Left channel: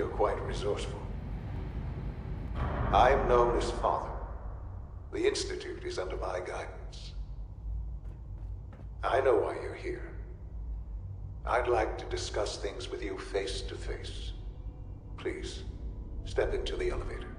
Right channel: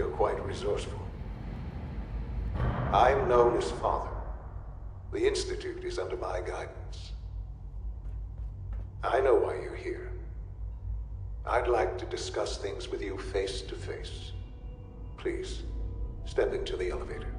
you're quite resourceful. I'm known as Father. The Institute is under my guidance. I know why you're here. I'd like to discuss things with you face to face. Please, step into the elevator.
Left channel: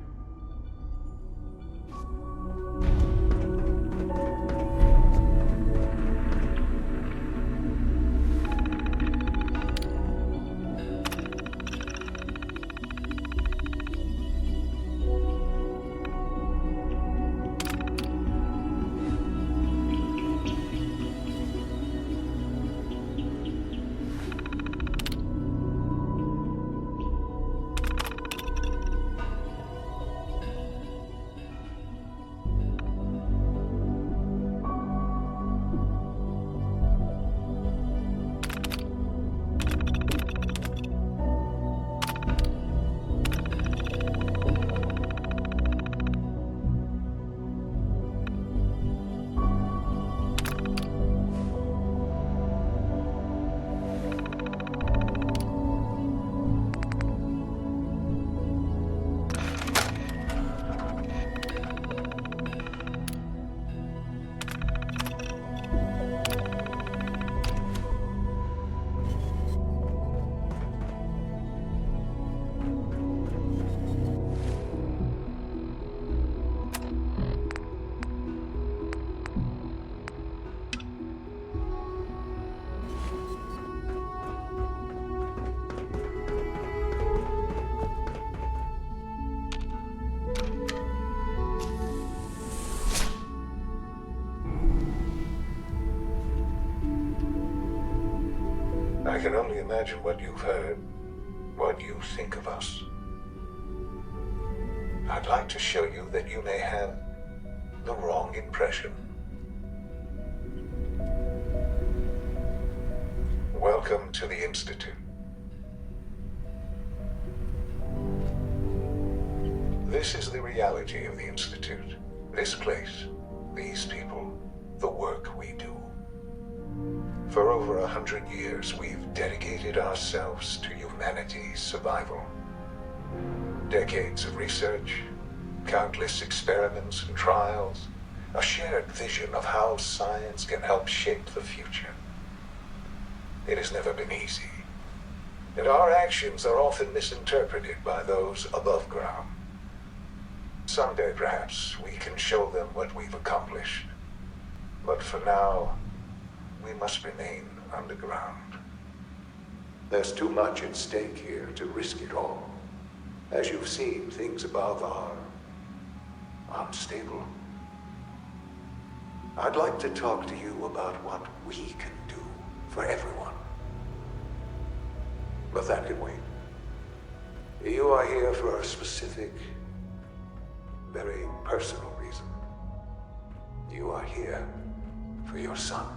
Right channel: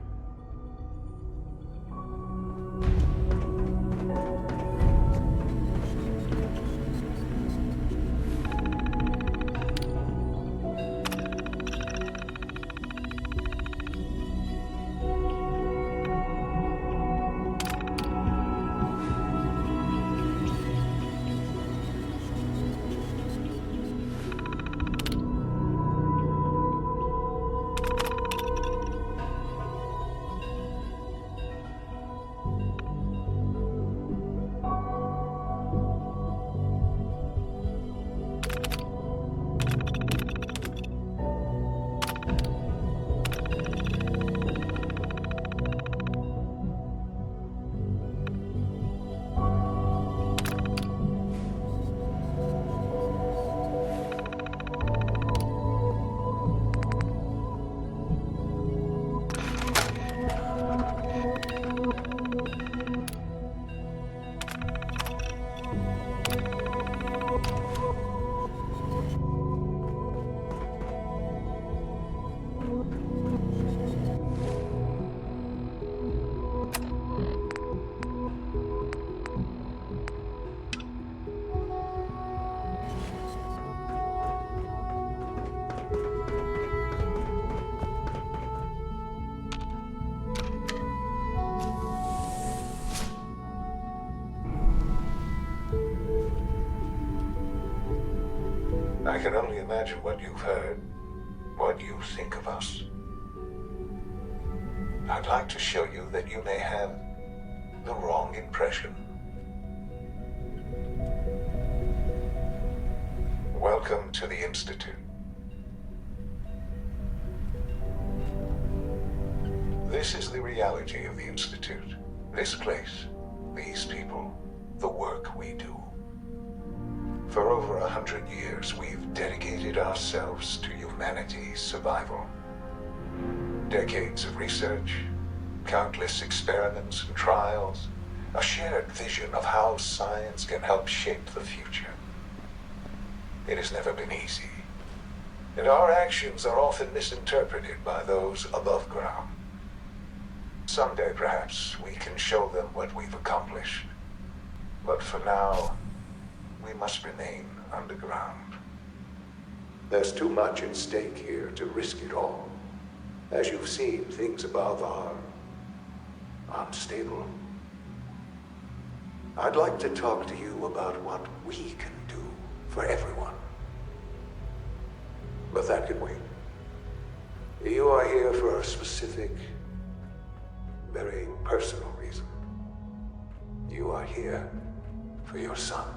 I can only imagine what you've heard, what you think of us. I'd like to show you that you may have the wrong impression. Welcome to the Institute. This is the reality of the Institute. This place, these people, the work we do. For over 100 years, we've dedicated ourselves to humanity's survival. Decades of research, countless experiments and trials, a shared vision of how science can help shape the future. It has never been easy, and our actions are often misinterpreted by those above ground. Someday, perhaps, we can show them what we've accomplished. But for now, we must remain underground. There's too much at stake here to risk it all. As you've seen, things above are unstable. I'd like to talk to you about what we can do for everyone. But that can wait. You are here for a specific, very personal reason. You are here for your son.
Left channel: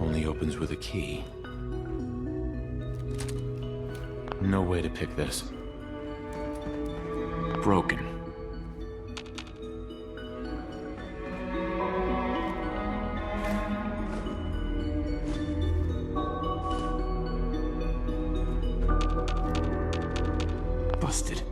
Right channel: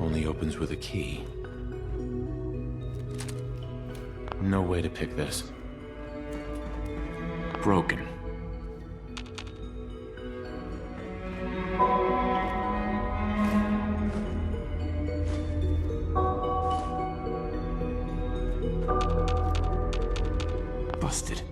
Only opens with a key. No way to pick this. Broken. Busted.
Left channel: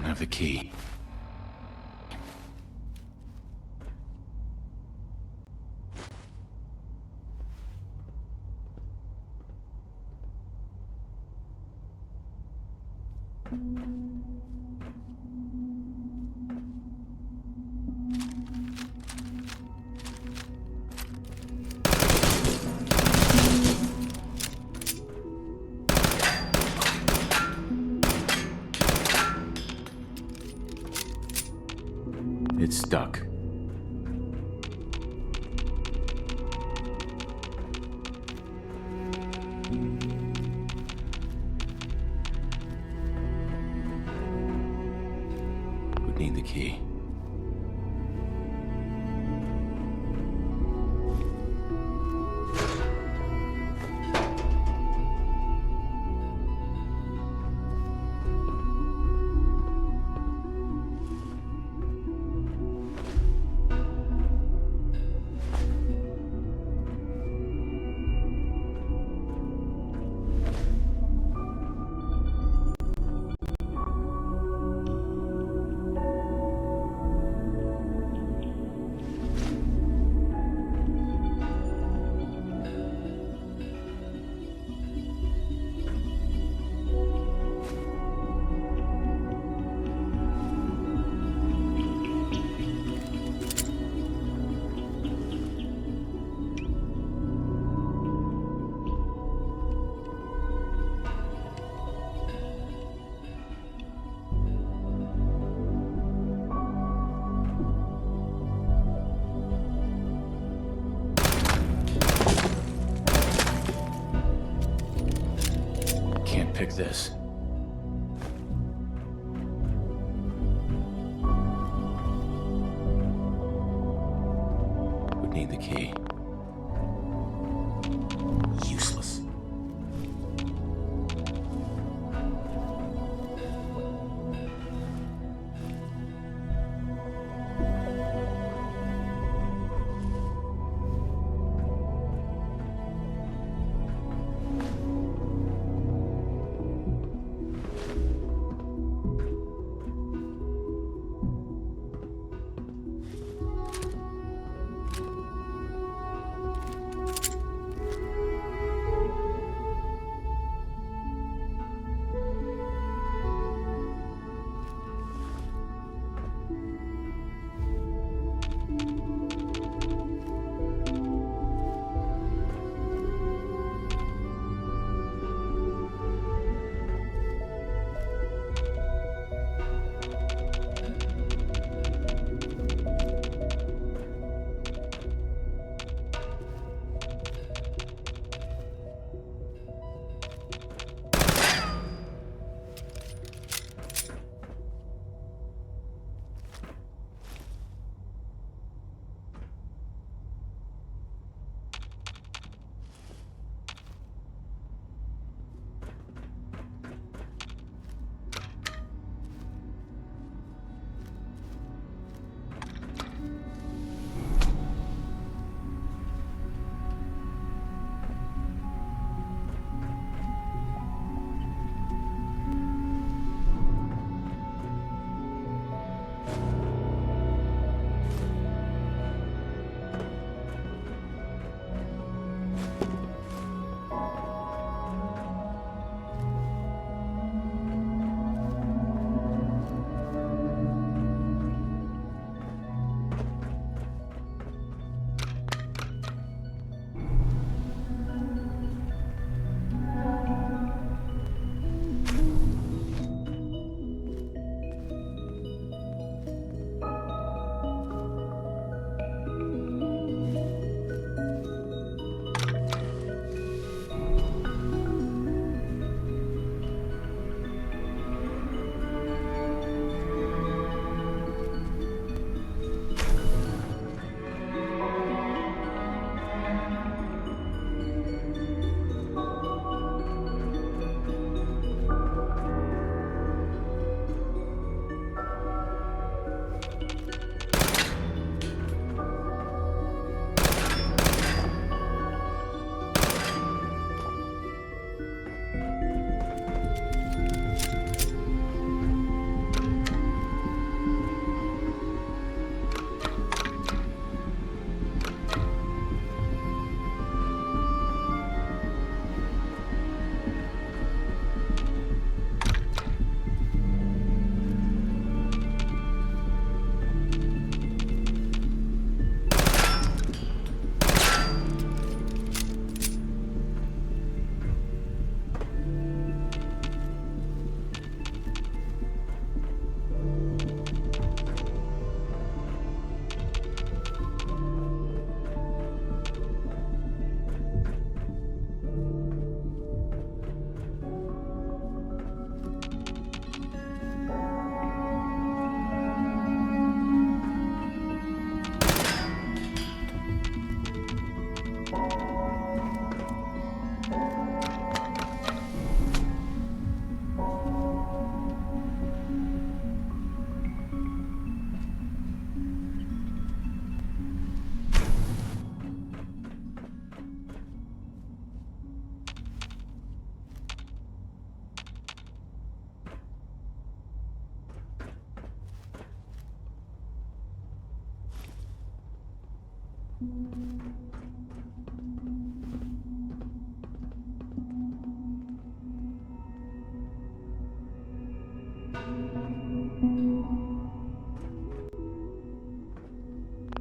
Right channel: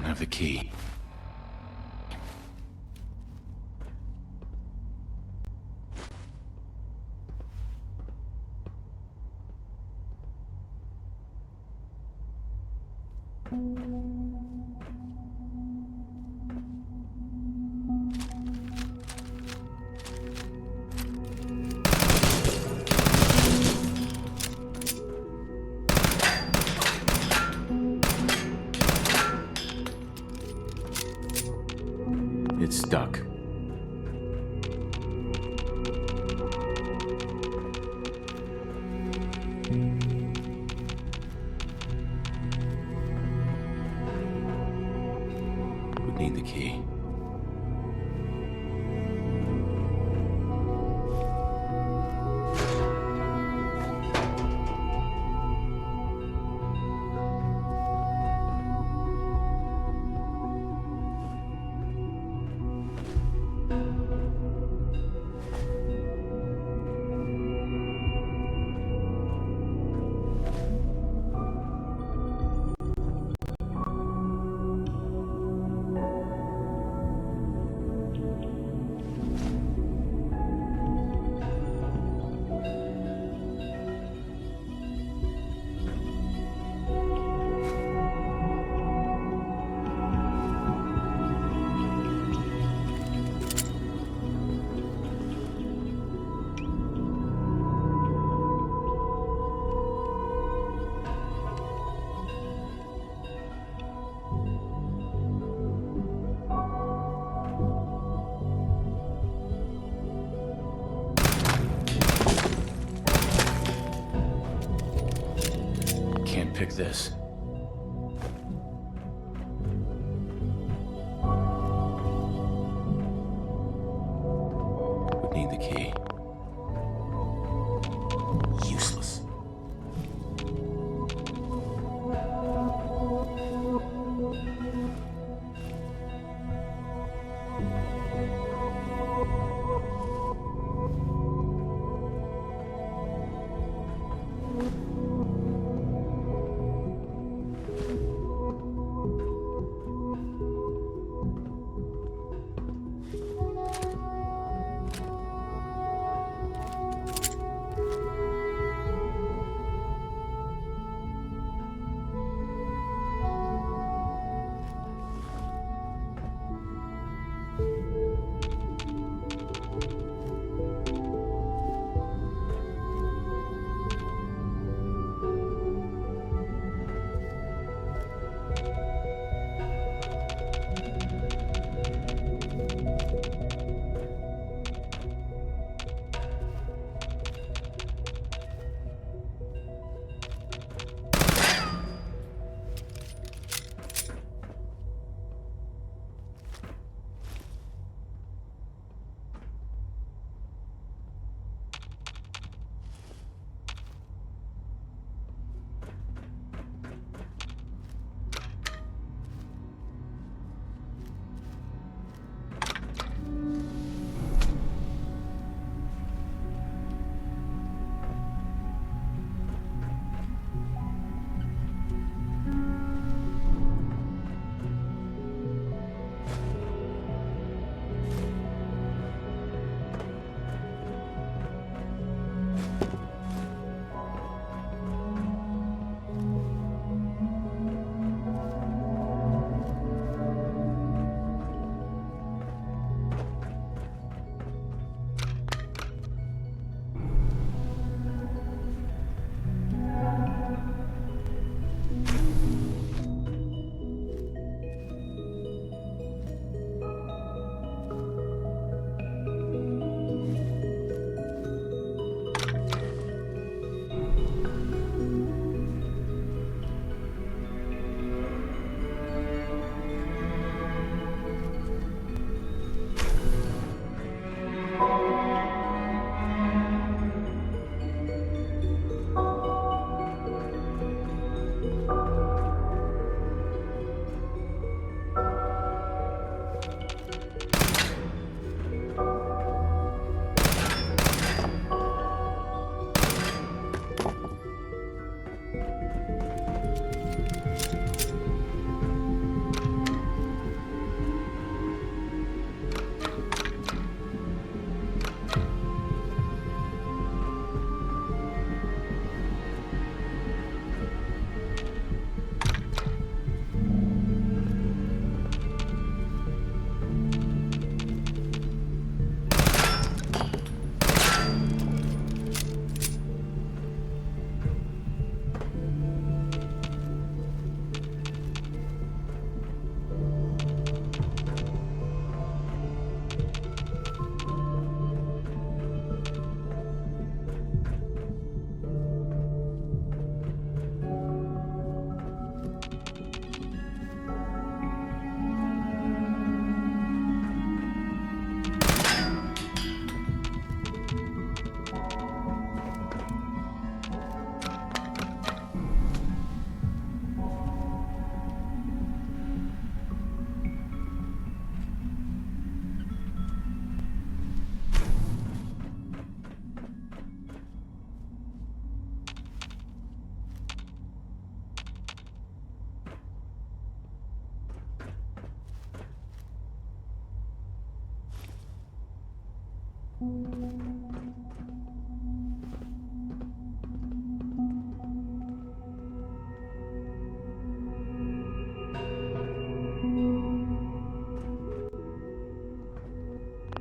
don't have the key. It's stuck. Would need the key. Can't pick this. Would need the key. Useless.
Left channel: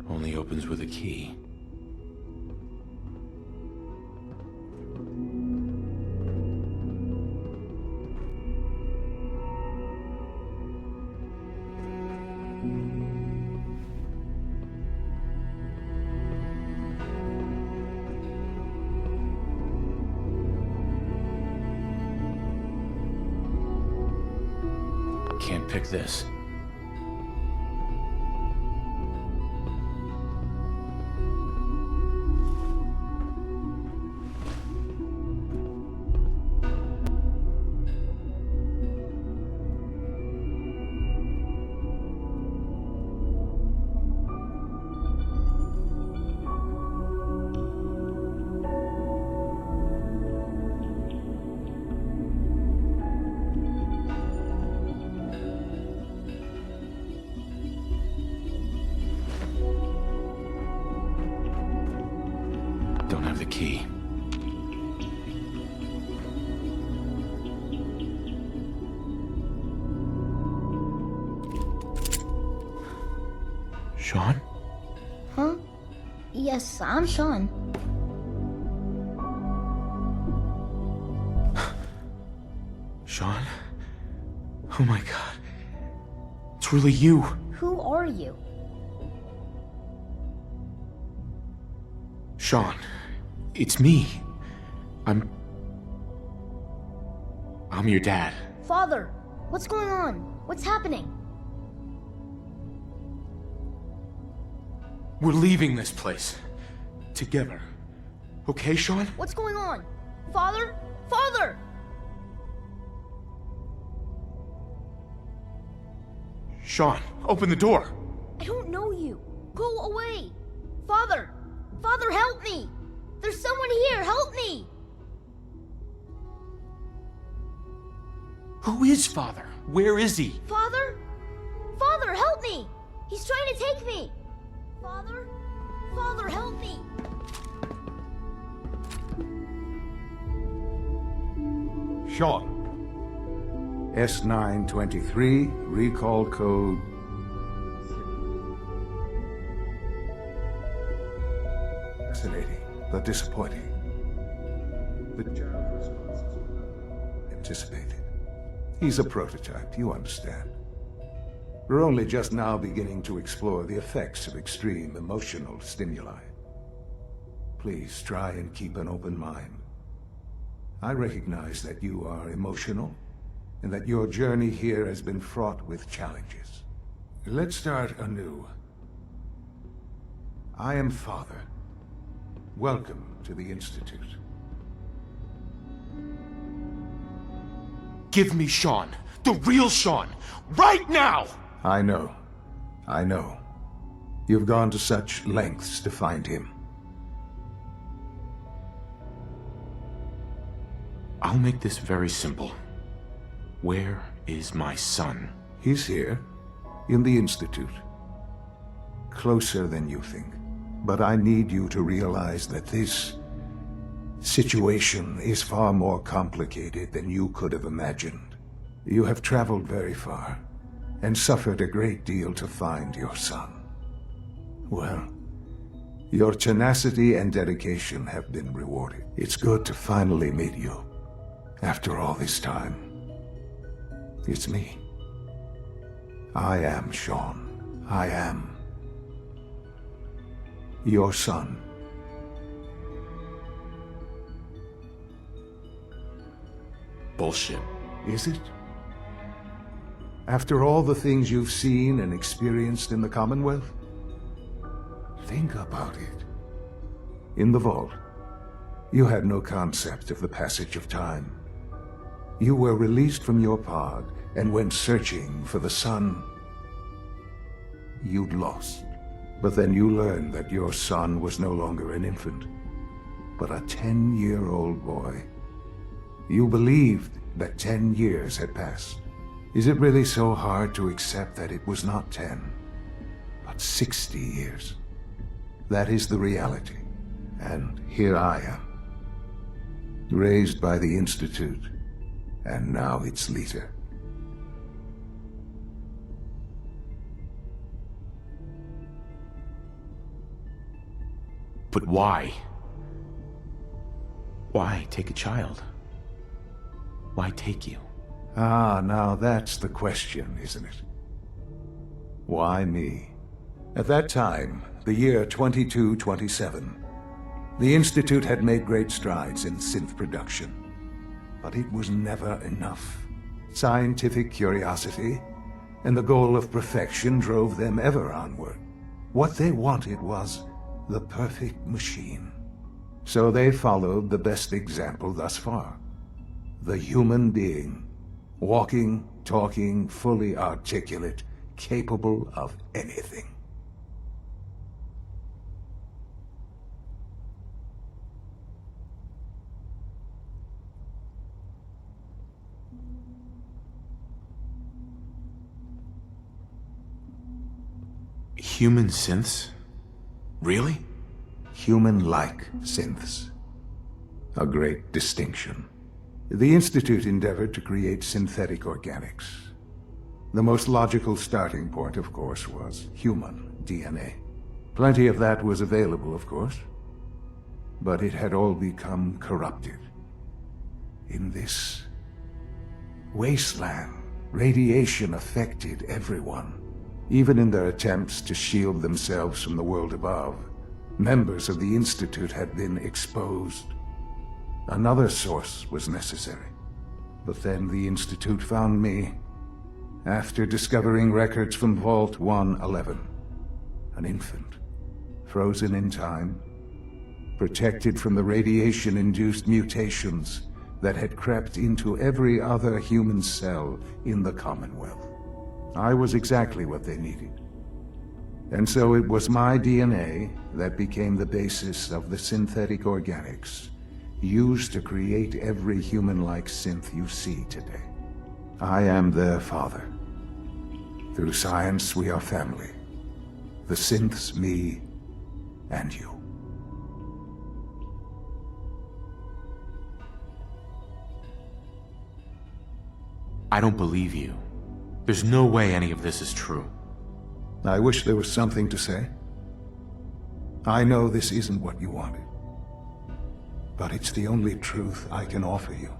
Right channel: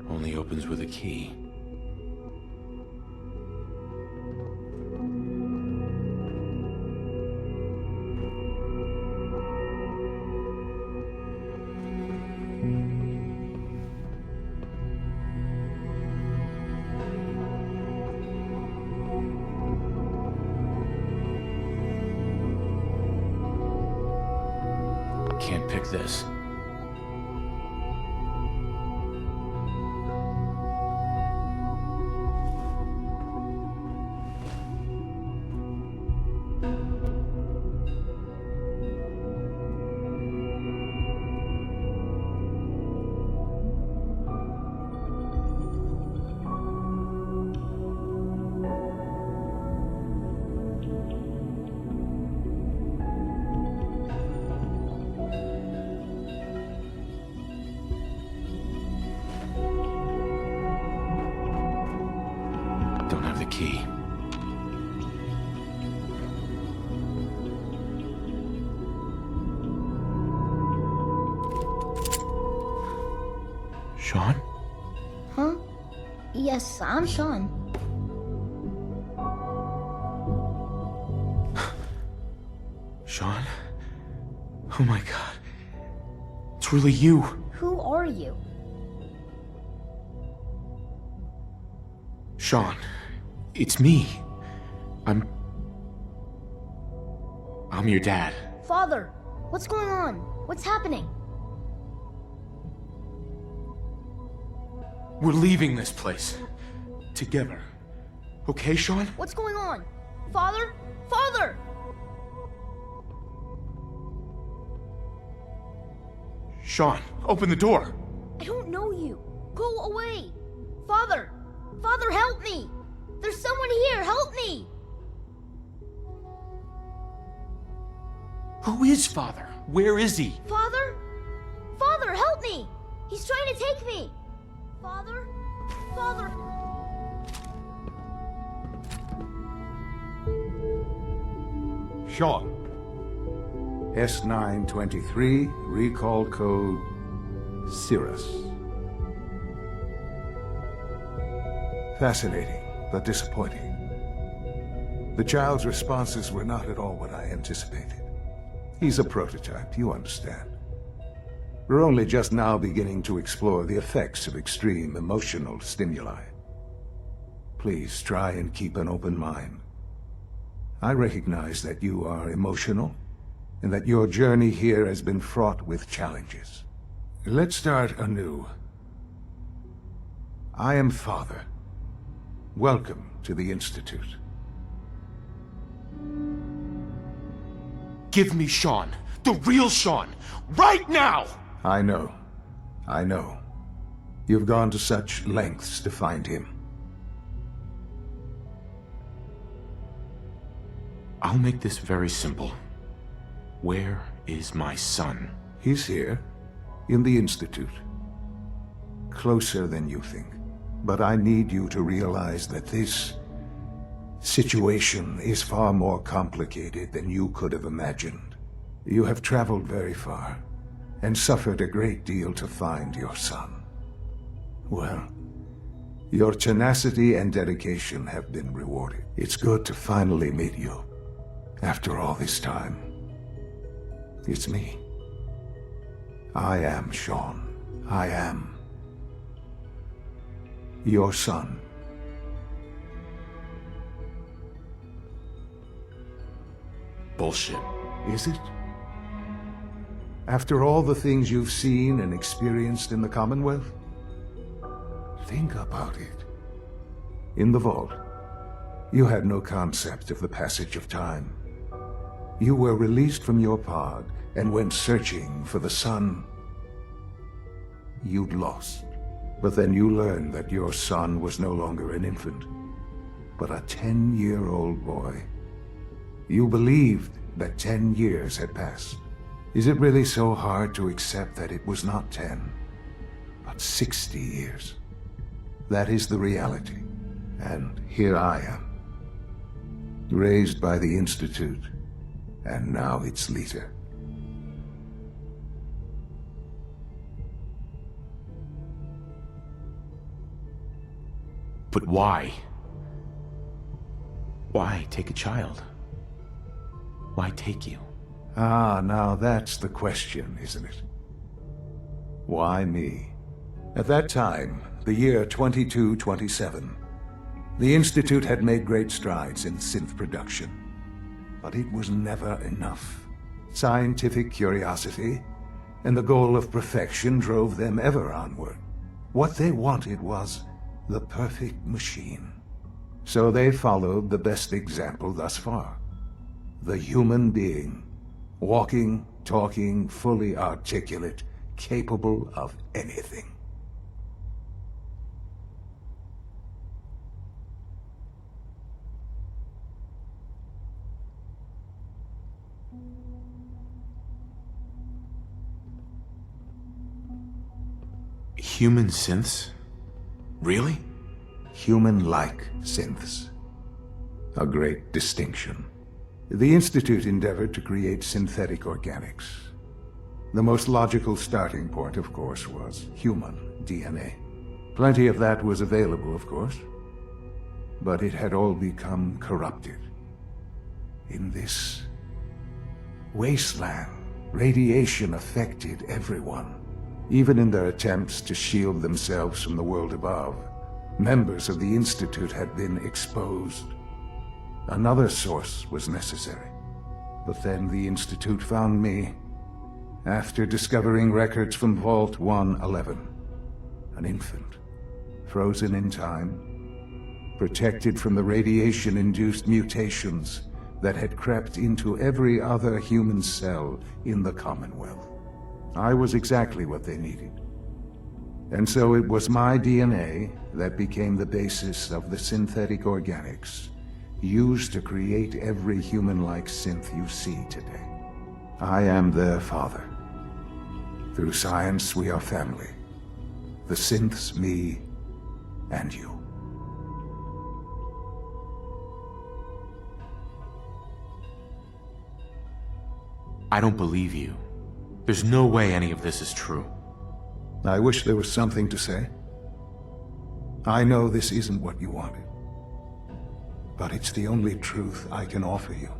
Only opens with a key. Can't pick this. Don't have the key. Sean? Huh? Yes, I'm Sean. Sean? Oh my god. It's really you. Who are you? Sean, it's me. I'm your dad. Father, what's going on? What's happening? We're leaving this place. Together. Okay, Sean? What's going on? Father? Father! Sean, open the door. I don't know you. Go away. Father! Father, help me! There's someone here, help me! Who is Father? Where is he? Father? Father, help me! He's trying to take me! Father? Father, help me! Sean. S923, recall code Cirrus. Fascinating, but disappointing. The child's responses were not at all what I anticipated. He's a prototype, you understand. We're only just now beginning to explore the effects of extreme emotional stimuli. Please try and keep an open mind. I recognize that you are emotional, and that your journey here has been fraught with challenges. Let's start anew. I am Father. Welcome to the Institute. Give me Sean. The real Sean. Right now! I know. I know. You've gone to such lengths to find him. I'll make this very simple. Where is my son? He's here, in the Institute. Closer than you think. But I need you to realize that this situation is far more complicated than you could have imagined. You have traveled very far, and suffered a great deal to find your son. Well, your tenacity and dedication have been rewarded. It's good to finally meet you, after all this time. It's me. I am Sean. I am your son. Bullshit. Is it? After all the things you've seen and experienced in the Commonwealth? Think about it. In the vault, you had no concept of the passage of time. You were released from your pod and went searching for the son you'd lost. But then you learned that your son was no longer an infant, but a 10-year-old boy. You believed that 10 years had passed. Is it really so hard to accept that it was not 10, but 60 years? That is the reality. And here I am. Raised by the Institute, and now its leader. But why? Why take a child? Why take you? Ah, now that's the question, isn't it? Why me? At that time, the year 2227, the Institute had made great strides in synth production. But it was never enough. Scientific curiosity and the goal of perfection drove them ever onward. What they wanted was the perfect machine. So they followed the best example thus far. The human being. Walking, talking, fully articulate, capable of anything. Human synths? Really? Human-like synths. A great distinction. The Institute endeavored to create synthetic organics. The most logical starting point, of course, was human DNA. Plenty of that was available, of course. But it had all become corrupted. In this wasteland, radiation affected everyone. Even in their attempts to shield themselves from the world above, members of the Institute had been exposed. Another source was necessary. But then the Institute found me, after discovering records from Vault 111. An infant, frozen in time, protected from the radiation-induced mutations that had crept into every other human cell in the Commonwealth. I was exactly what they needed. And so it was my DNA that became the basis of the synthetic organics used to create every human-like synth you see today. I am their father. Through science, we are family. The synths, me, and you. I don't believe you. There's no way any of this is true. I wish there was something to say. I know this isn't what you wanted. But it's the only truth I can offer you.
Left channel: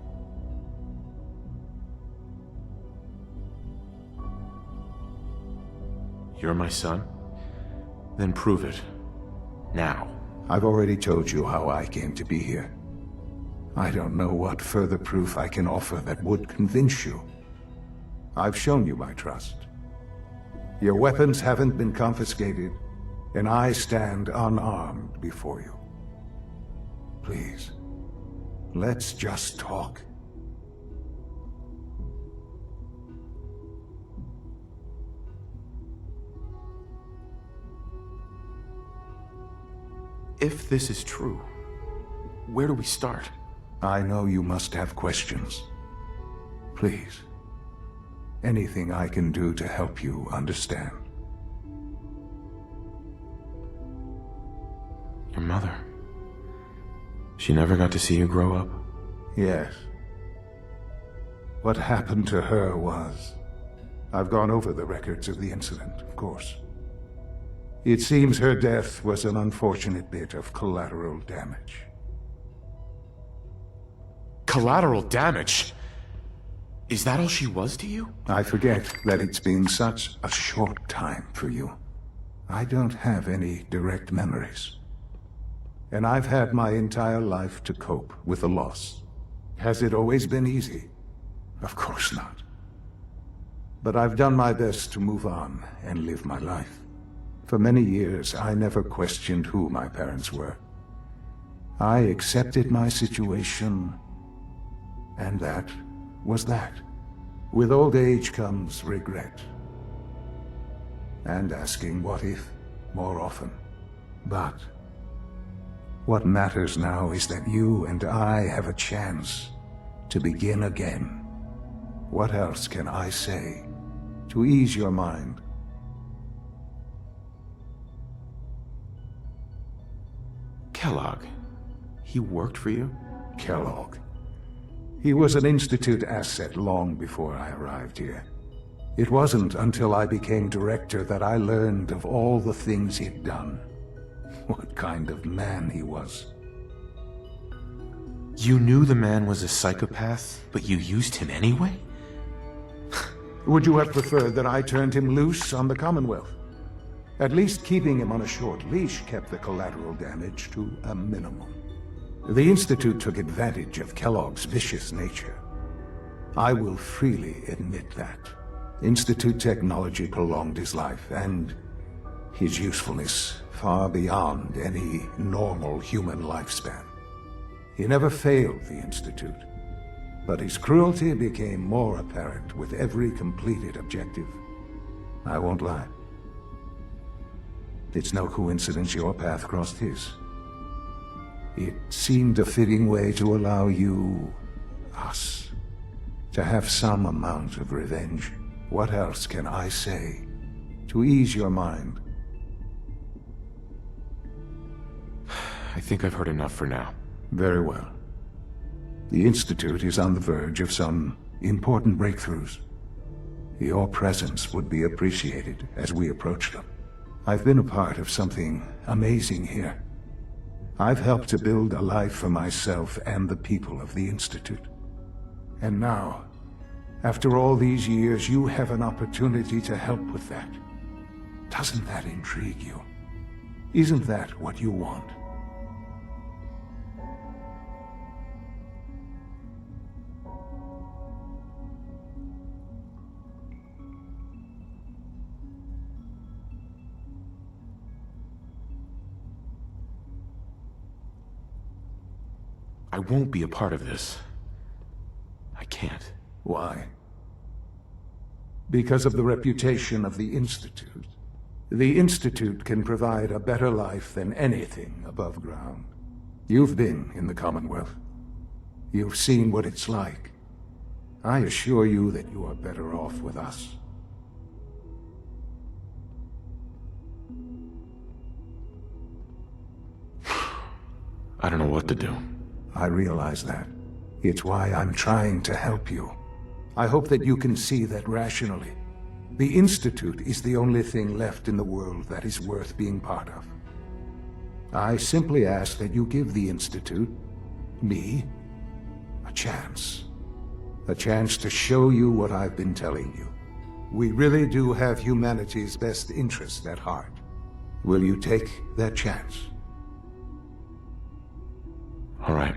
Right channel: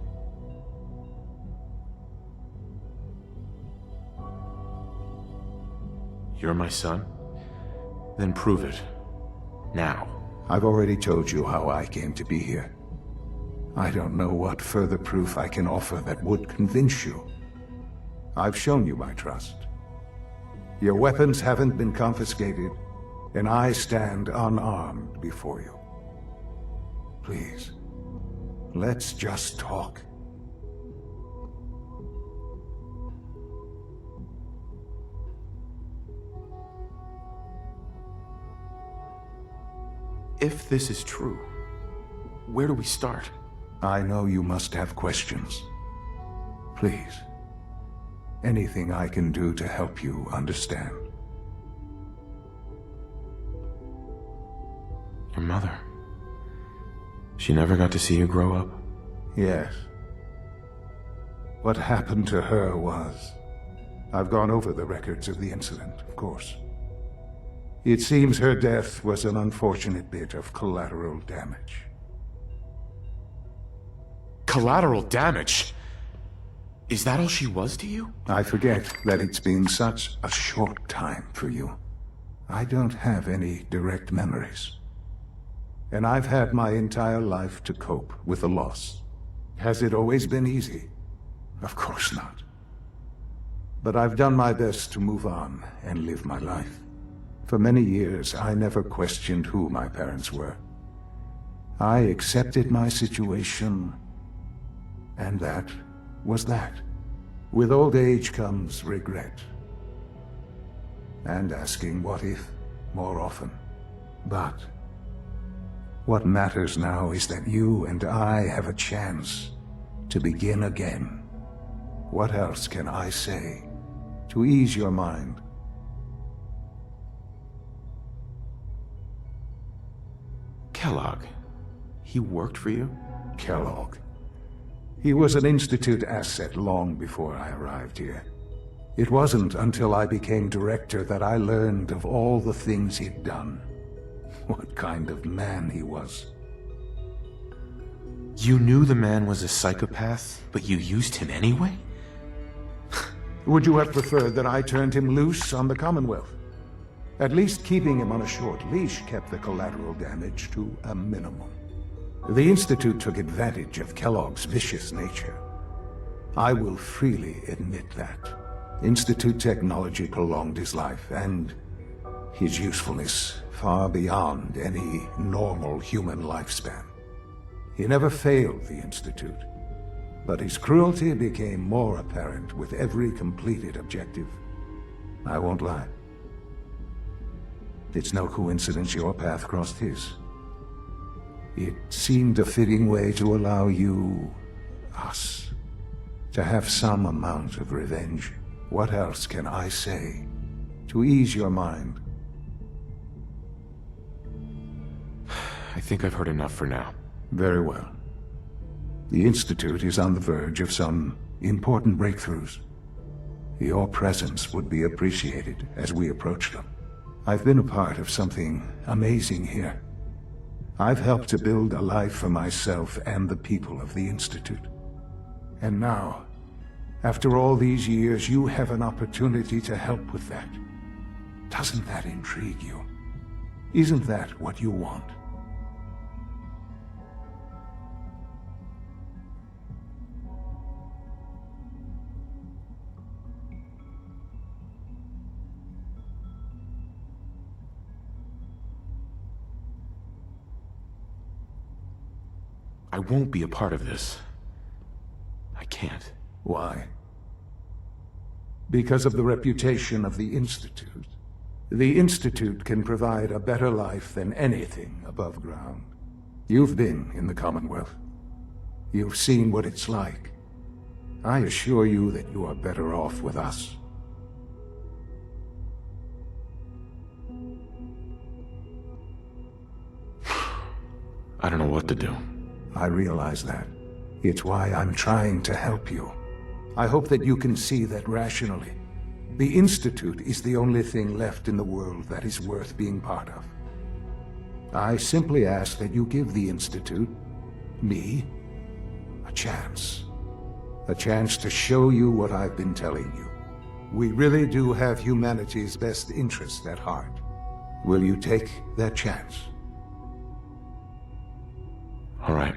You're my son? Then prove it. Now. I've already told you how I came to be here. I don't know what further proof I can offer that would convince you. I've shown you my trust. Your weapons haven't been confiscated, and I stand unarmed before you. Please, let's just talk. If this is true, where do we start? I know you must have questions. Please. Anything I can do to help you understand. Your mother. She never got to see you grow up? Yes. What happened to her was... I've gone over the records of the incident, of course. It seems her death was an unfortunate bit of collateral damage. Collateral damage? Is that all she was to you? I forget that it's been such a short time for you. I don't have any direct memories. And I've had my entire life to cope with the loss. Has it always been easy? Of course not. But I've done my best to move on and live my life. For many years, I never questioned who my parents were. I accepted my situation, and that was that. With old age comes regret. And asking what if more often. But what matters now is that you and I have a chance to begin again. What else can I say to ease your mind? Kellogg. He worked for you? Kellogg. He was an Institute asset long before I arrived here. It wasn't until I became director that I learned of all the things he'd done. What kind of man he was. You knew the man was a psychopath, but you used him anyway? Would you have preferred that I turned him loose on the Commonwealth? At least keeping him on a short leash kept the collateral damage to a minimum. The Institute took advantage of Kellogg's vicious nature. I will freely admit that. Institute technology prolonged his life, and his usefulness far beyond any normal human lifespan. He never failed the Institute, but his cruelty became more apparent with every completed objective. I won't lie. It's no coincidence your path crossed his. It seemed a fitting way to allow you, us, to have some amount of revenge. What else can I say to ease your mind? I think I've heard enough for now. Very well. The Institute is on the verge of some important breakthroughs. Your presence would be appreciated as we approach them. I've been a part of something amazing here. I've helped to build a life for myself and the people of the Institute. And now, after all these years, you have an opportunity to help with that. Doesn't that intrigue you? Isn't that what you want? I won't be a part of this. I can't. Why? Because of the reputation of the Institute. The Institute can provide a better life than anything above ground. You've been in the Commonwealth. You've seen what it's like. I assure you that you are better off with us. I don't know what to do. I realize that. It's why I'm trying to help you. I hope that you can see that rationally. The Institute is the only thing left in the world that is worth being part of. I simply ask that you give the Institute, me, a chance. A chance to show you what I've been telling you. We really do have humanity's best interest at heart. Will you take that chance? All right.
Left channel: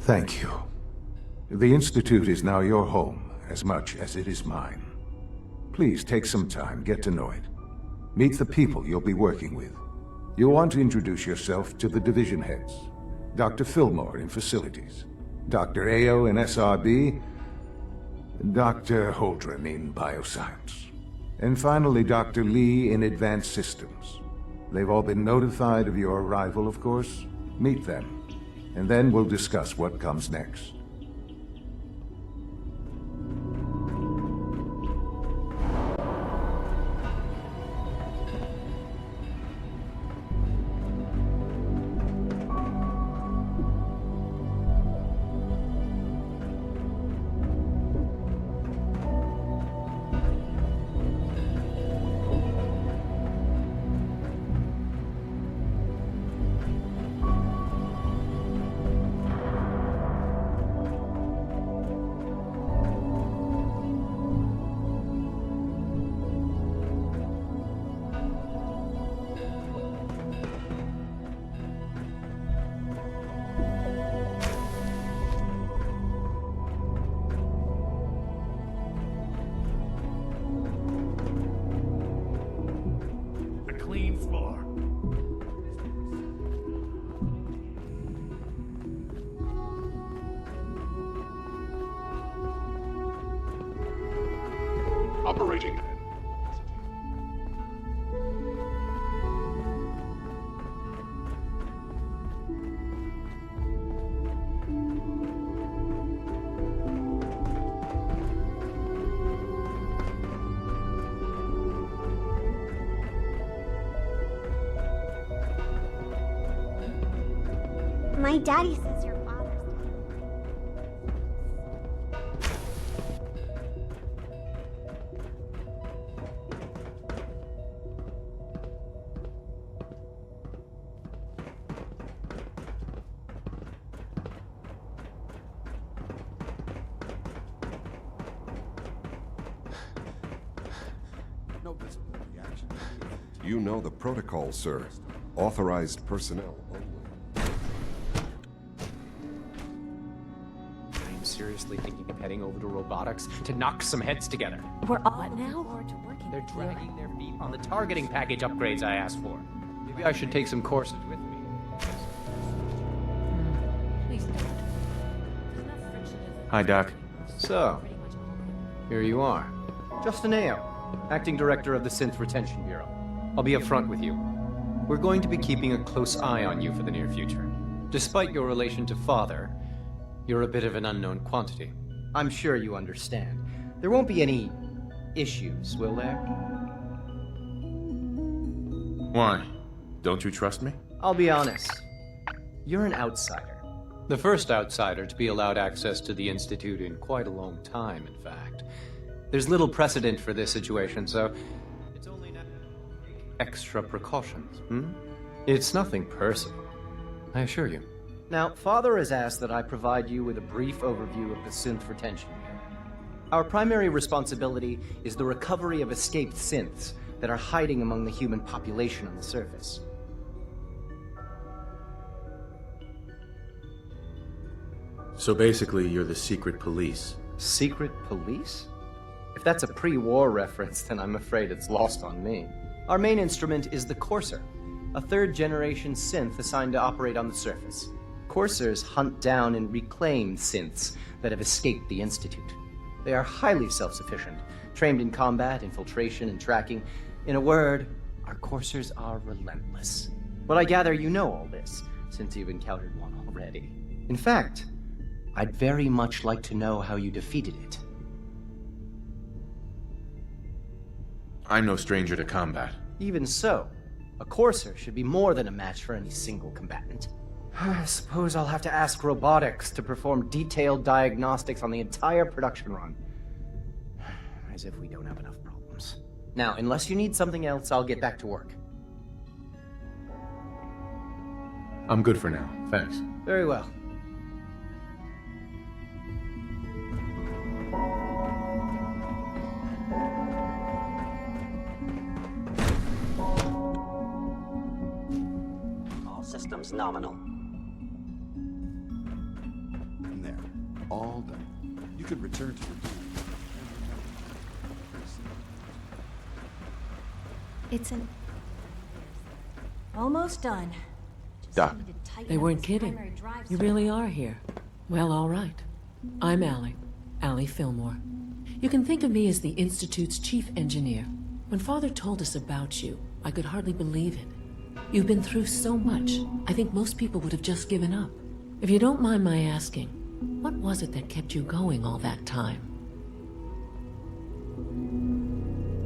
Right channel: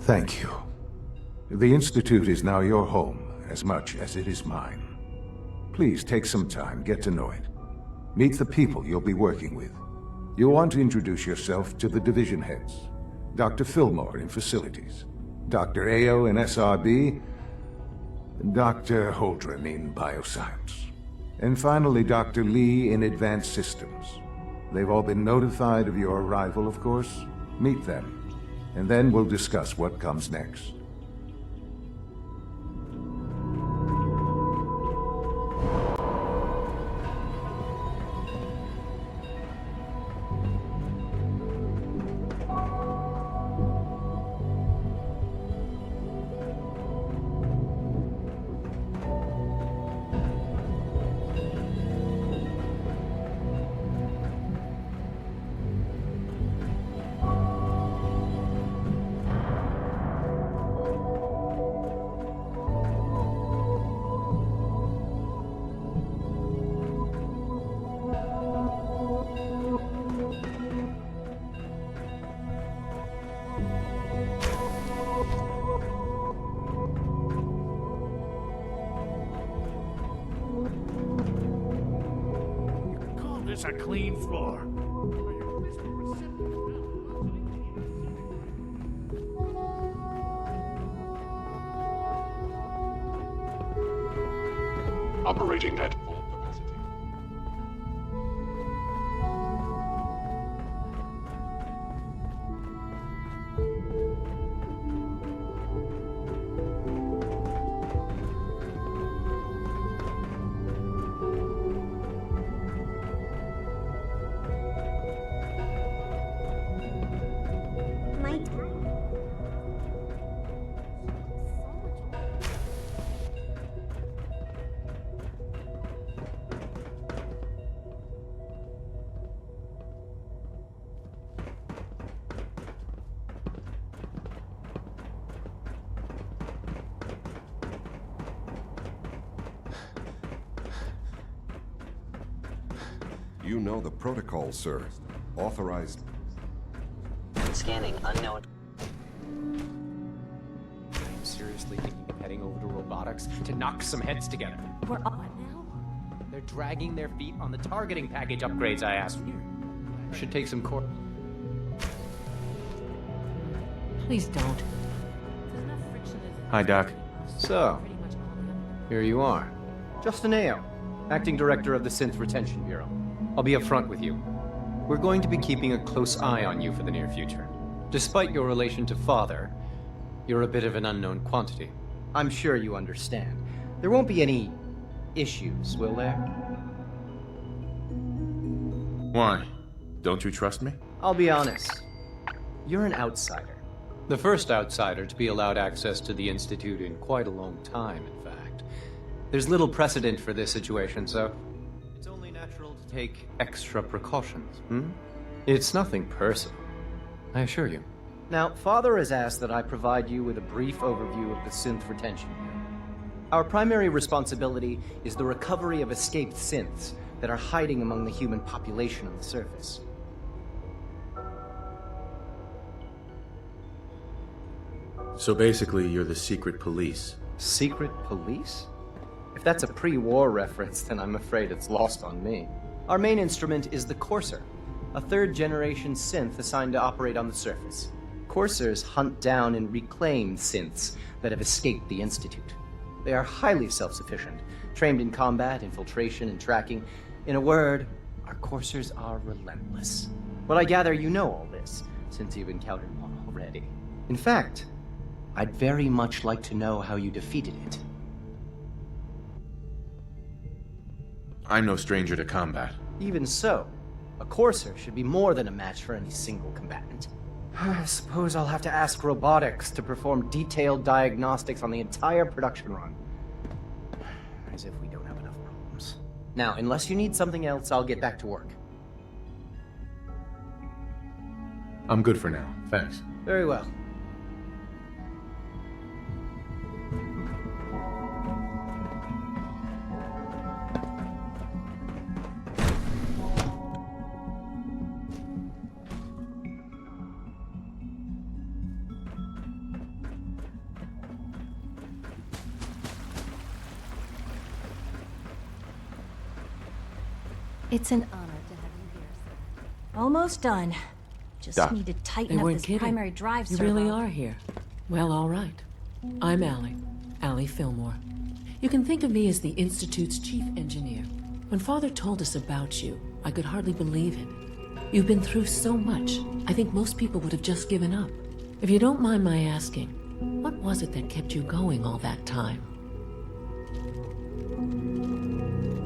Thank you. The Institute is now your home, as much as it is mine. Please take some time, get to know it. Meet the people you'll be working with. You'll want to introduce yourself to the division heads. Dr. Fillmore in Facilities, Dr. Ayo in SRB, Dr. Holdren in Bioscience, and finally Dr. Lee in Advanced Systems. They've all been notified of your arrival, of course. Meet them, and then we'll discuss what comes next. It's a clean floor. Operating at full capacity. My daddy says your father's You know the protocol, sir. Authorized personnel only. Scanning unknown. I'm seriously thinking of heading over to robotics to knock some heads together. We're what now? They're dragging their feet on the targeting package upgrades I asked for. Maybe I should take some courses with me. Please don't. There's enough friction in Hi, Doc. So, pretty much all the other. here you are. Justin Ayo, Acting Director of the Synth Retention Bureau. I'll be upfront with you. We're going to be keeping a close eye on you for the near future. Despite your relation to Father, you're a bit of an unknown quantity. I'm sure you understand. There won't be any issues, will there? Why? Don't you trust me? I'll be honest. You're an outsider. The first outsider to be allowed access to the Institute in quite a long time, in fact. There's little precedent for this situation, so it's only natural to take extra precautions, It's nothing personal, I assure you. Now, Father has asked that I provide you with a brief overview of the Synth Retention Bureau. Our primary responsibility is the recovery of escaped synths that are hiding among the human population on the surface. So basically, you're the secret police. Secret police? If that's a pre-war reference, then I'm afraid it's lost on me. Our main instrument is the Courser, a third-generation synth assigned to operate on the surface. Coursers hunt down and reclaim synths that have escaped the Institute. They are highly self-sufficient, trained in combat, infiltration, and tracking. In a word, our Coursers are relentless. But I gather you know all this, since you've encountered one already. In fact, I'd very much like to know how you defeated it. I'm no stranger to combat. Even so, a Courser should be more than a match for any single combatant. I suppose I'll have to ask robotics to perform detailed diagnostics on the entire production run. As if we don't have enough problems. Now, unless you need something else, I'll get back to work. I'm good for now, thanks. Very well. All systems nominal. And there. All done. You can return to the... It's an honor to have you here, sir. Almost done. Just Doc. need to tighten They up weren't this kidding. primary drive You servo. really are here. Well, all right. I'm Allie Fillmore. You can think of me as the Institute's chief engineer. When Father told us about you, I could hardly believe it. You've been through so much, I think most people would have just given up. If you don't mind my asking, what was it that kept you going all that time?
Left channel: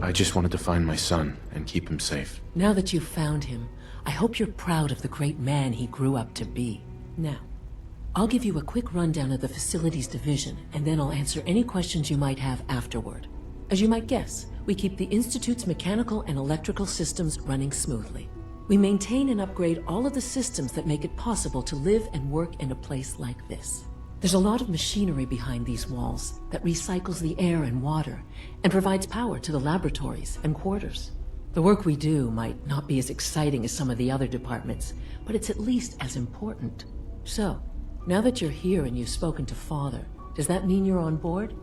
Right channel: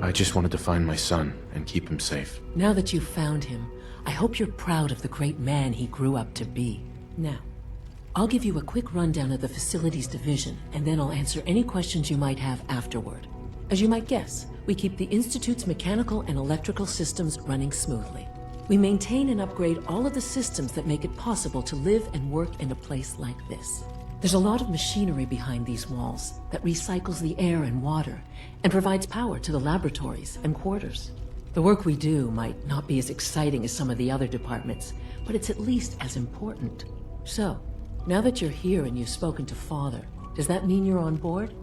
I just wanted to find my son and keep him safe. Now that you've found him, I hope you're proud of the great man he grew up to be. Now, I'll give you a quick rundown of the Facilities Division, and then I'll answer any questions you might have afterward. As you might guess, we keep the Institute's mechanical and electrical systems running smoothly. We maintain and upgrade all of the systems that make it possible to live and work in a place like this. There's a lot of machinery behind these walls that recycles the air and water and provides power to the laboratories and quarters. The work we do might not be as exciting as some of the other departments, but it's at least as important. So, now that you're here and you've spoken to Father, does that mean you're on board?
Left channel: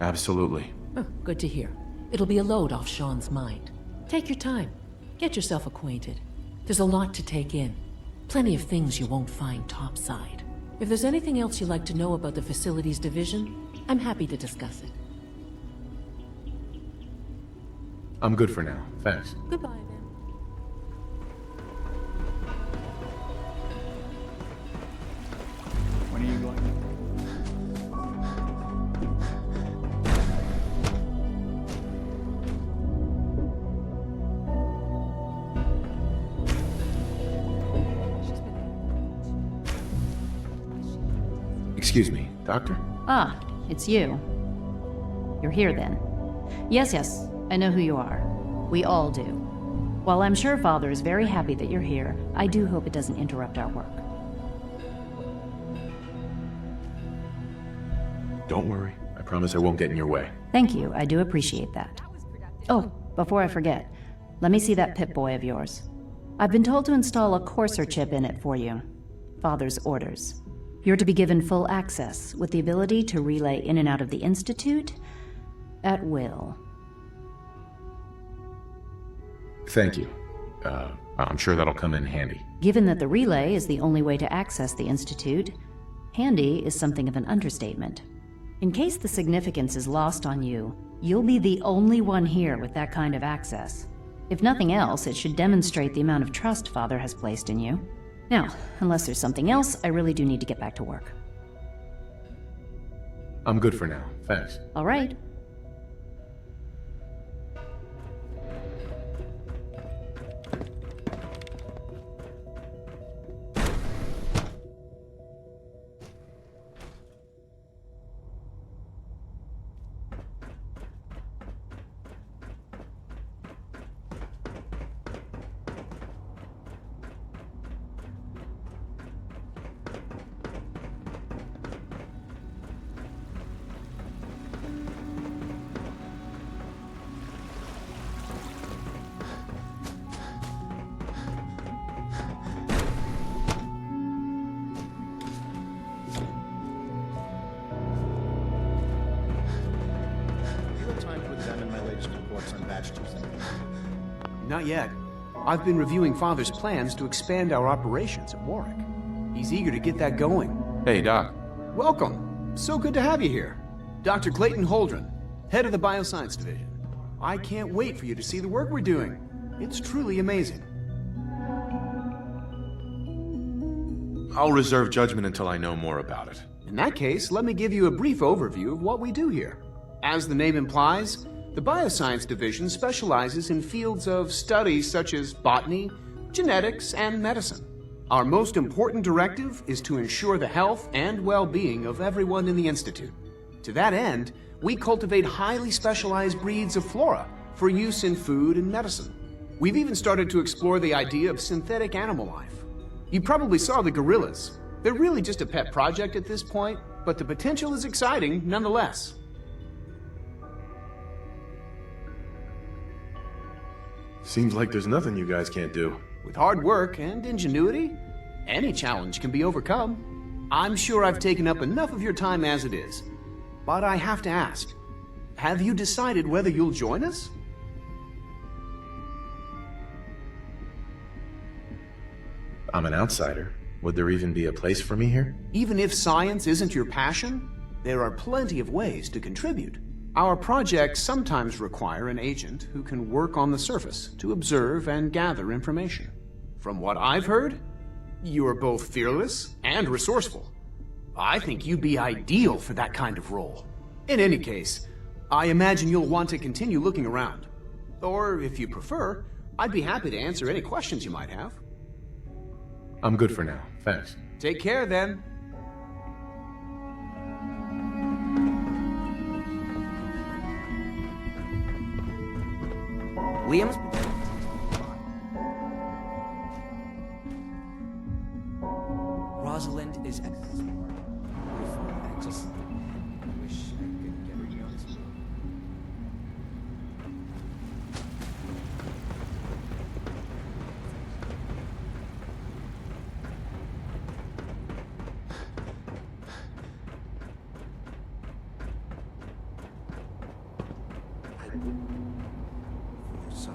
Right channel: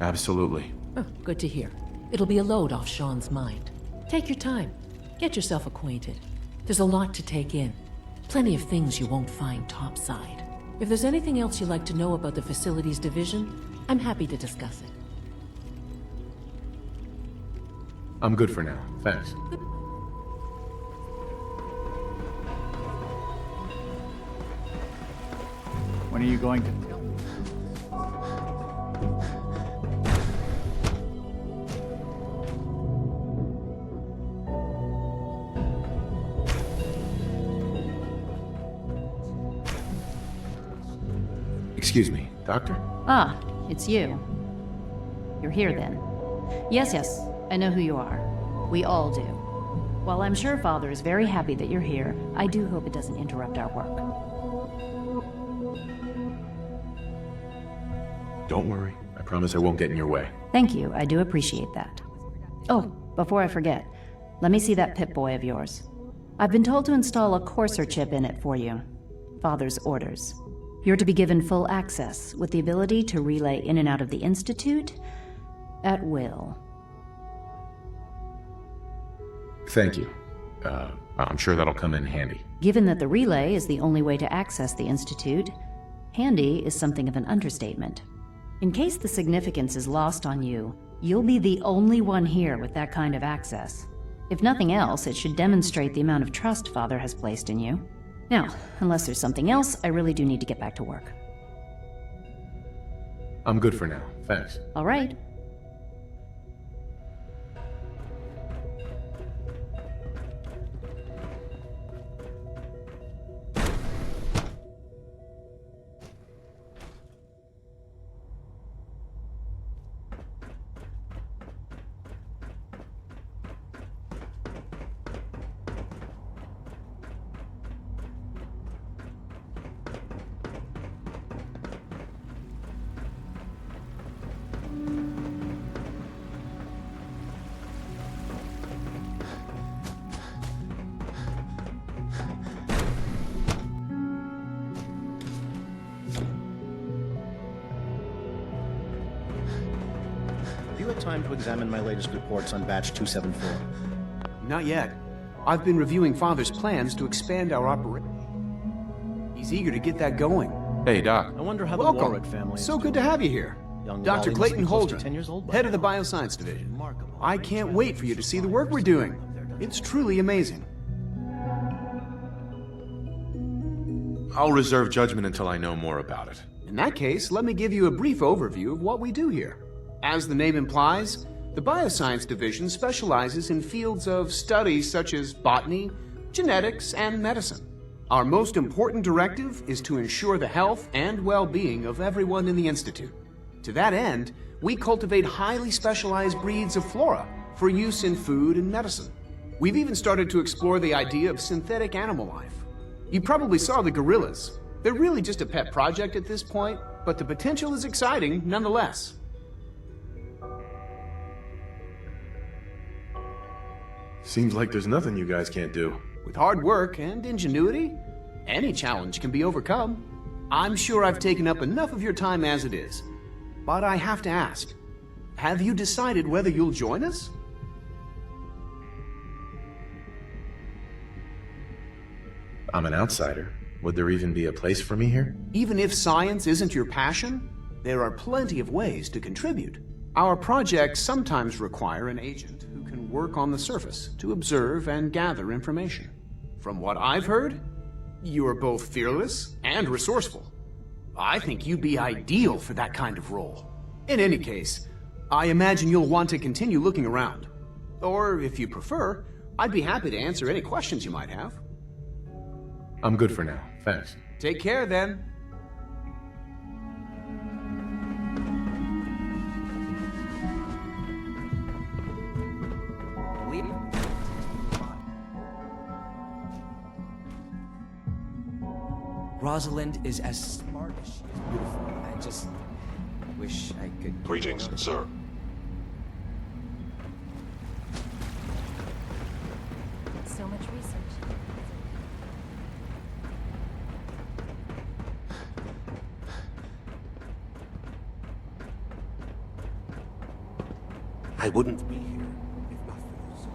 Absolutely. Oh, good to hear. It'll be a load off Sean's mind. Take your time. Get yourself acquainted. There's a lot to take in. Plenty of things you won't find topside. If there's anything else you'd like to know about the Facilities Division, I'm happy to discuss it. I'm good for now, thanks. Goodbye, then. When are you going to... Excuse me, Doctor? Ah, it's you. You're here then. Yes, I know who you are. We all do. While I'm sure Father is very happy that you're here, I do hope it doesn't interrupt our work. Don't worry. I promise I won't get in your way. Thank you, I do appreciate that. Oh, before I forget, let me see that Pip-Boy of yours. I've been told to install a Courser chip in it for you. Father's orders. You're to be given full access, with the ability to relay in and out of the Institute at will. Thank you. I'm sure that'll come in handy. Given that the relay is the only way to access the Institute, handy is something of an understatement. In case the significance is lost on you, you'll be the only one here with that kind of access. If nothing else, it should demonstrate the amount of trust Father has placed in you. Now, unless there's something else, I really do need to get back to work. I'm good for now. Thanks. All right. Time to examine my latest reports on Batch 274. Not yet. I've been reviewing Father's plans to expand our operations at Warwick. He's eager to get that going. Hey, Doc. I wonder how Welcome. The Warwick family So good to have you here. Dr. Clayton Holdren, head of the Bioscience Division. I can't wait for you to see the work we're doing. It's truly amazing. I'll reserve judgment until I know more about it. In that case, let me give you a brief overview of what we do here. As the name implies, the Bioscience Division specializes in fields of study such as botany, genetics, and medicine. Our most important directive is to ensure the health and well-being of everyone in the Institute. To that end, we cultivate highly specialized breeds of flora for use in food and medicine. We've even started to explore the idea of synthetic animal life. You probably saw the gorillas. They're really just a pet project at this point, but the potential is exciting nonetheless. Seems like there's nothing you guys can't do. With hard work and ingenuity, any challenge can be overcome. I'm sure I've taken up enough of your time as it is. But I have to ask, have you decided whether you'll join us? I'm an outsider. Would there even be a place for me here? Even if science isn't your passion, there are plenty of ways to contribute. Our projects sometimes require an agent who can work on the surface to observe and gather information. From what I've heard, you are both fearless and resourceful. I think you'd be ideal for that kind of role. In any case, I imagine you'll want to continue looking around. Or, if you prefer, I'd be happy to answer any questions you might have. I'm good for now. Thanks. Take care, then. Liam's... Rosalind is as smart as she's beautiful. I just wish I could... Greetings, sir. So much research. I wouldn't be here if not for your son.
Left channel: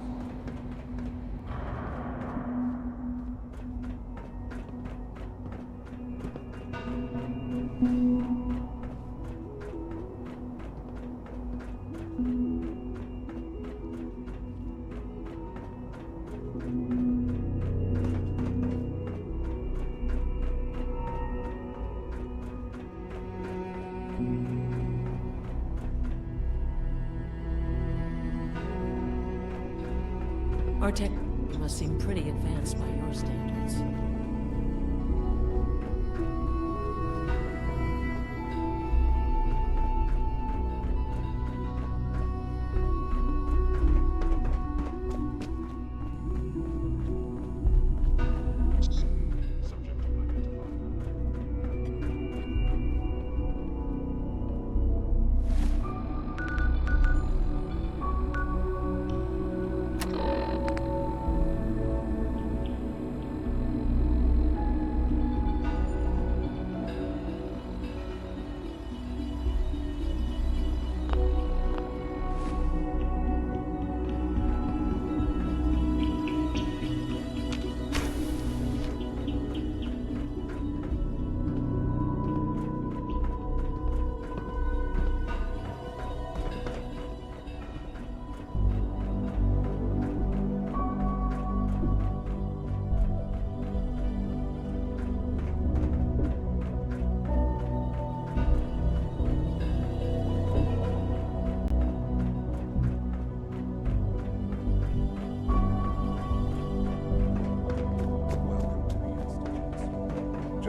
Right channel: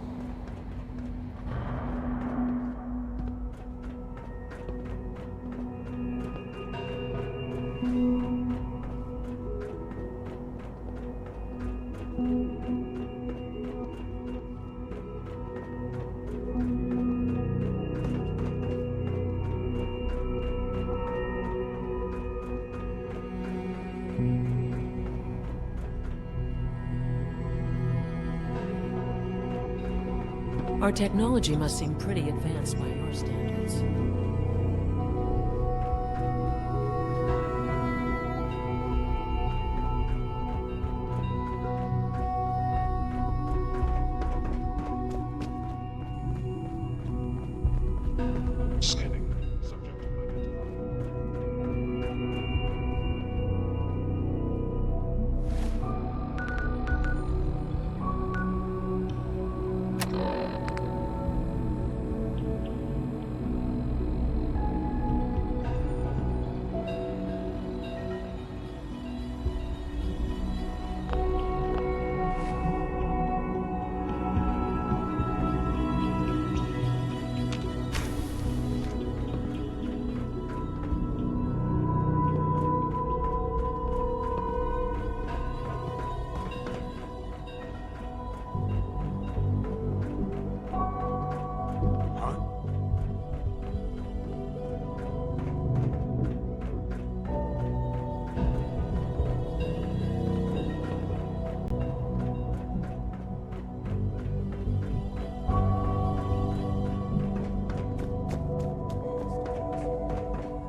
Our technology must seem pretty advanced by your standards.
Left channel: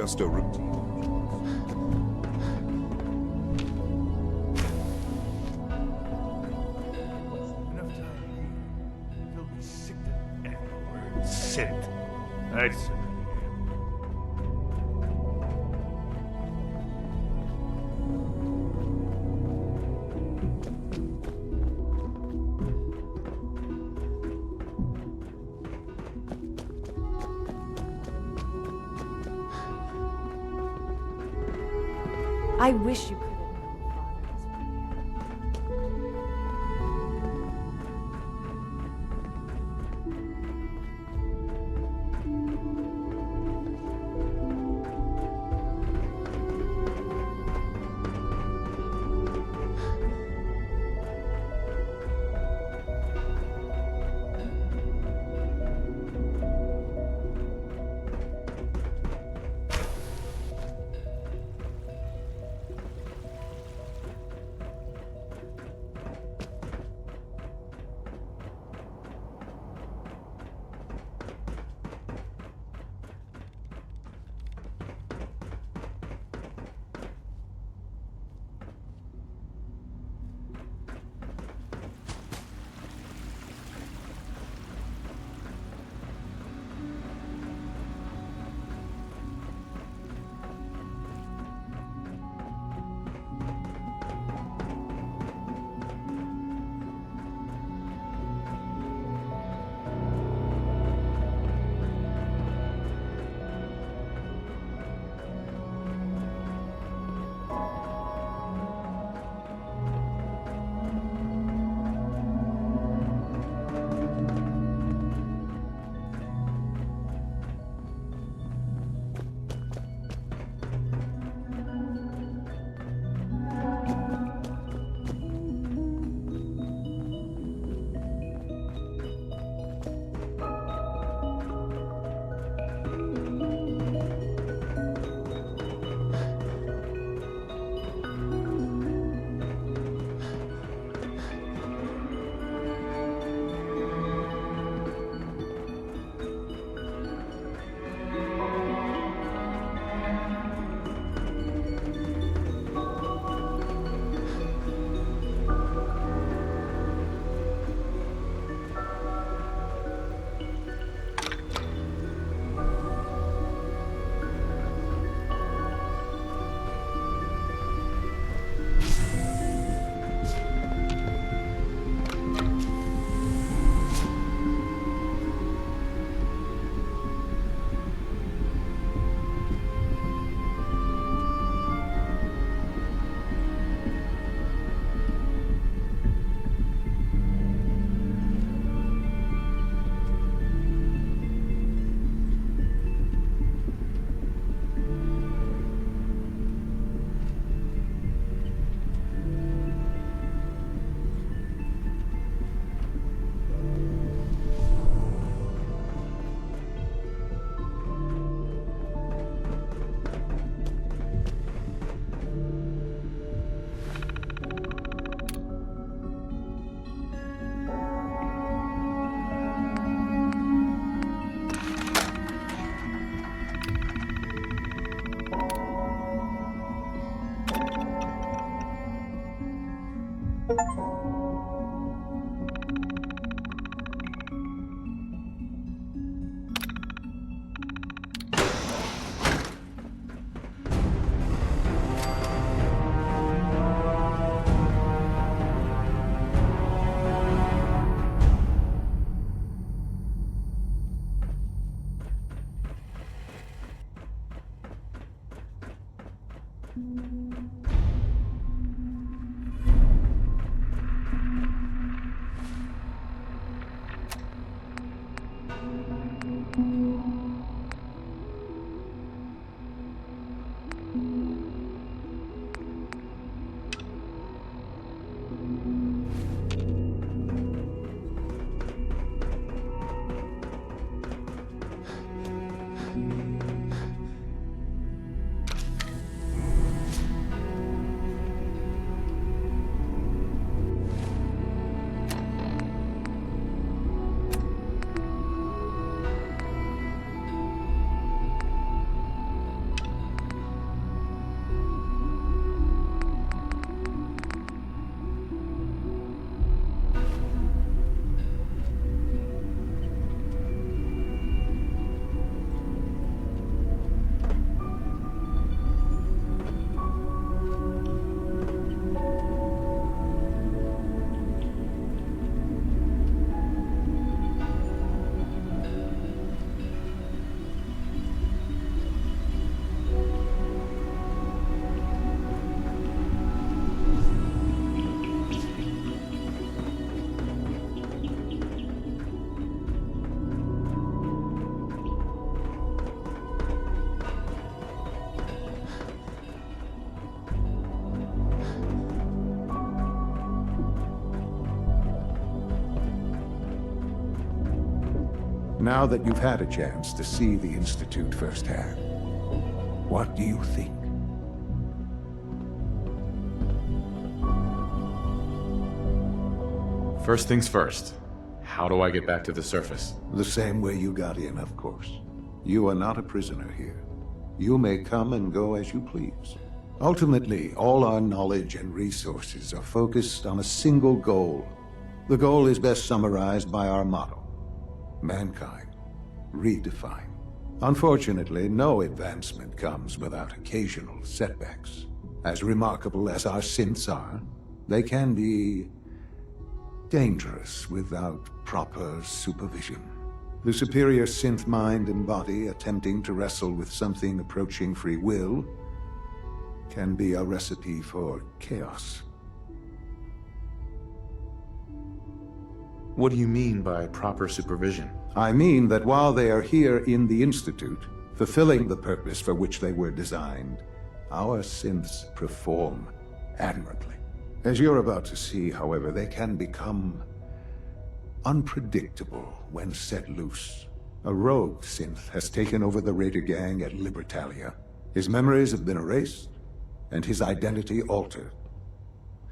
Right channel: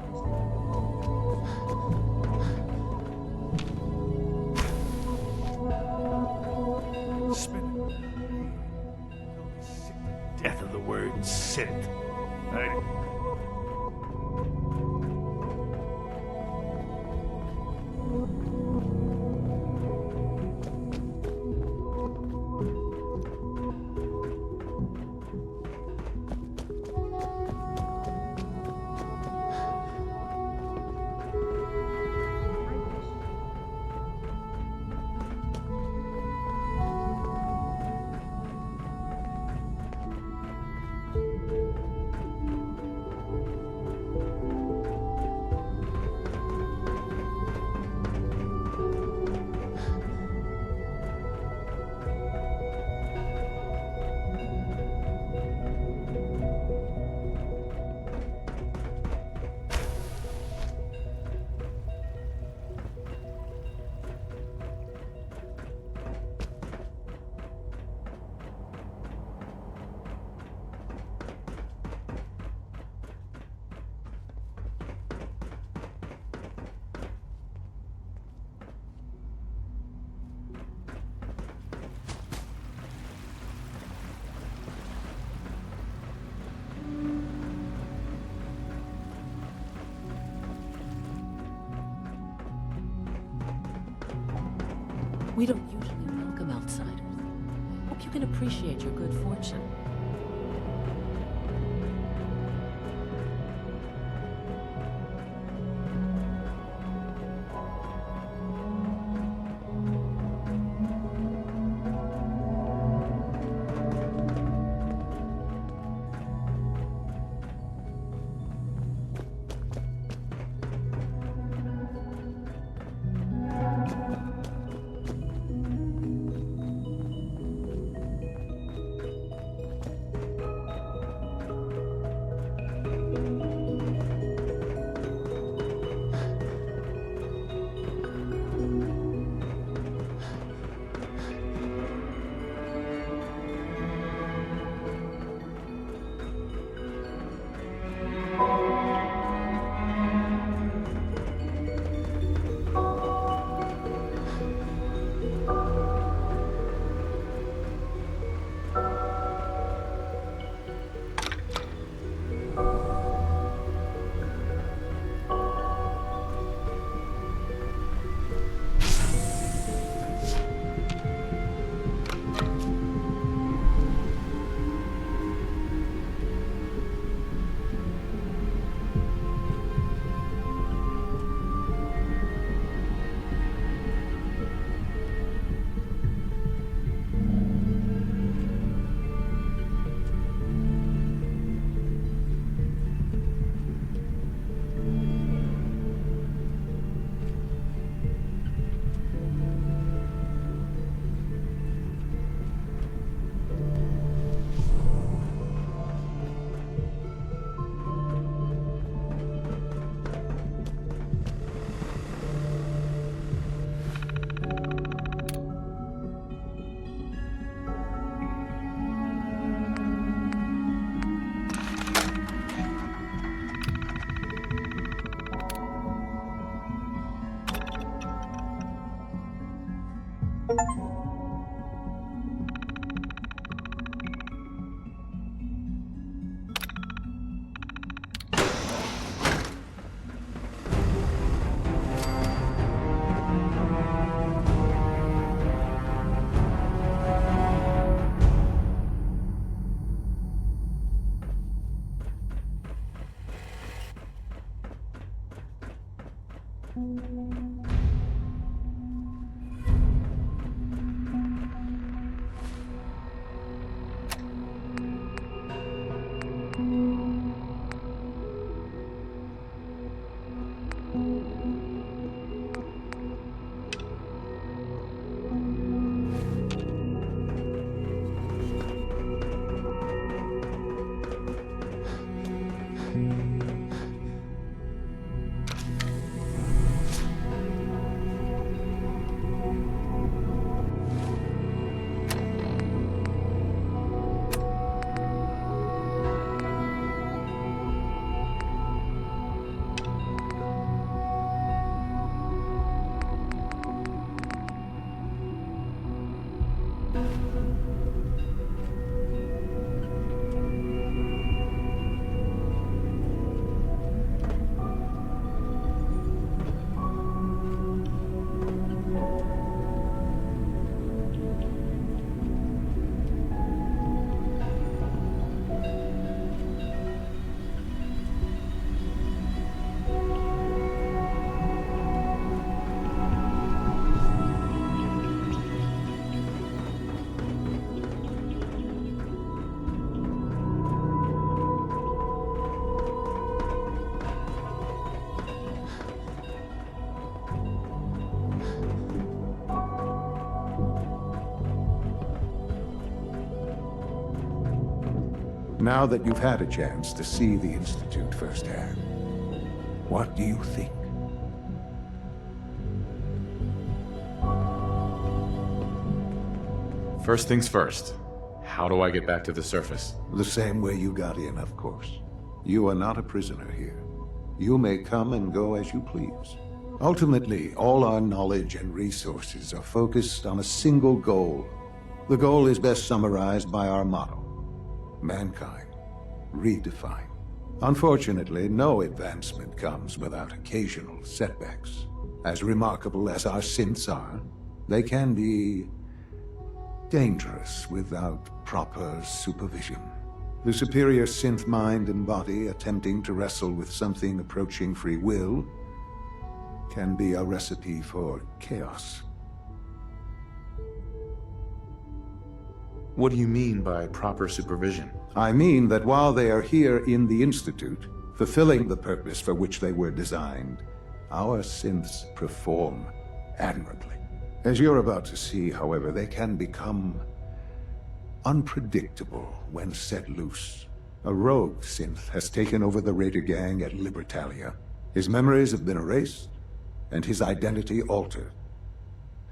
just a routine. Spend enough time here. You'll be sick to death of the word synth. That's... I wish you could. We don't usually welcome outsiders. Hope you can appreciate your good fortune. Now that you've had a chance to see the Institute firsthand, what do you think? First things first. How do I get back to the surface? The same way you got in, of course. You are not a prisoner here. You may come and go as you please. Ultimately, all our knowledge and resources are focused on a single goal. The goal is best summarized by our motto: mankind, redefined. Unfortunately, no advancement comes without occasional setbacks. As remarkable as our synths are, they can be dangerous without proper supervision. The superior synth mind and body attempting to wrestle with something approaching free will can be a recipe for chaos. What do you mean by proper supervision? I mean that while they are here in the Institute, fulfilling the purpose for which they were designed, our synths perform admirably. As you're about to see, however, they can become unpredictable when set loose. A rogue synth has taken over the Raider gang at Libertalia. His memories have been erased, and his identity altered.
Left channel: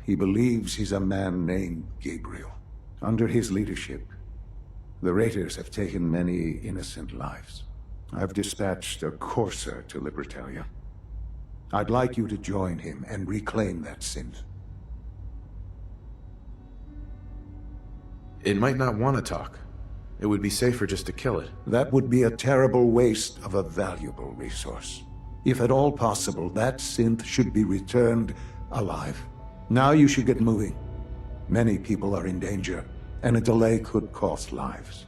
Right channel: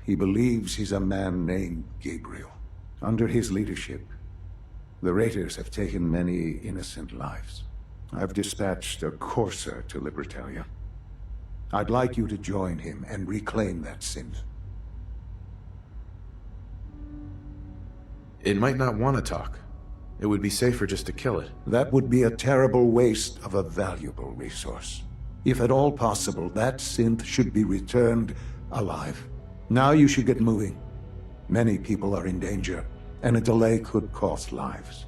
He believes he's a man named Gabriel. Under his leadership, the Raiders have taken many innocent lives. I've dispatched a courser to Libertalia. I'd like you to join him and reclaim that synth. It might not want to talk. It would be safer just to kill it. That would be a terrible waste of a valuable resource. If at all possible, that synth should be returned alive. Now you should get moving. Many people are in danger, and a delay could cost lives.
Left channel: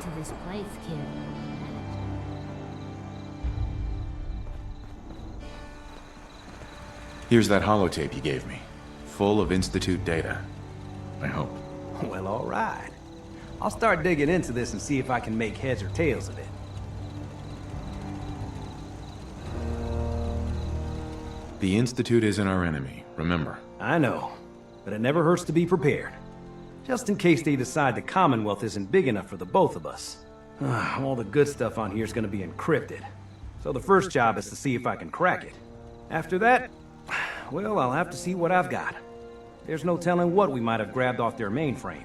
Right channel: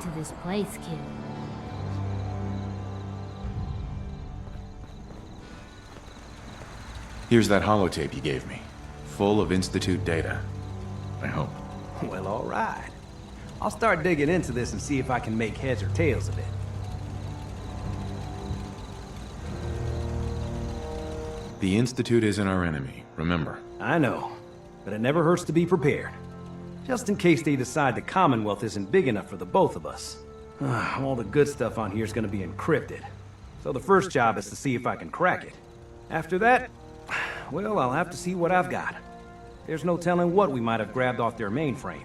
To this place, kid. Here's that holotape you gave me. Full of Institute data. I hope. Well, all right. I'll start digging into this and see if I can make heads or tails of it. The Institute isn't our enemy, remember. I know, but it never hurts to be prepared. Just in case they decide the Commonwealth isn't big enough for the both of us. All the good stuff on here is going to be encrypted. So the first job is to see if I can crack it. After that, well, I'll have to see what I've got. There's no telling what we might have grabbed off their mainframe.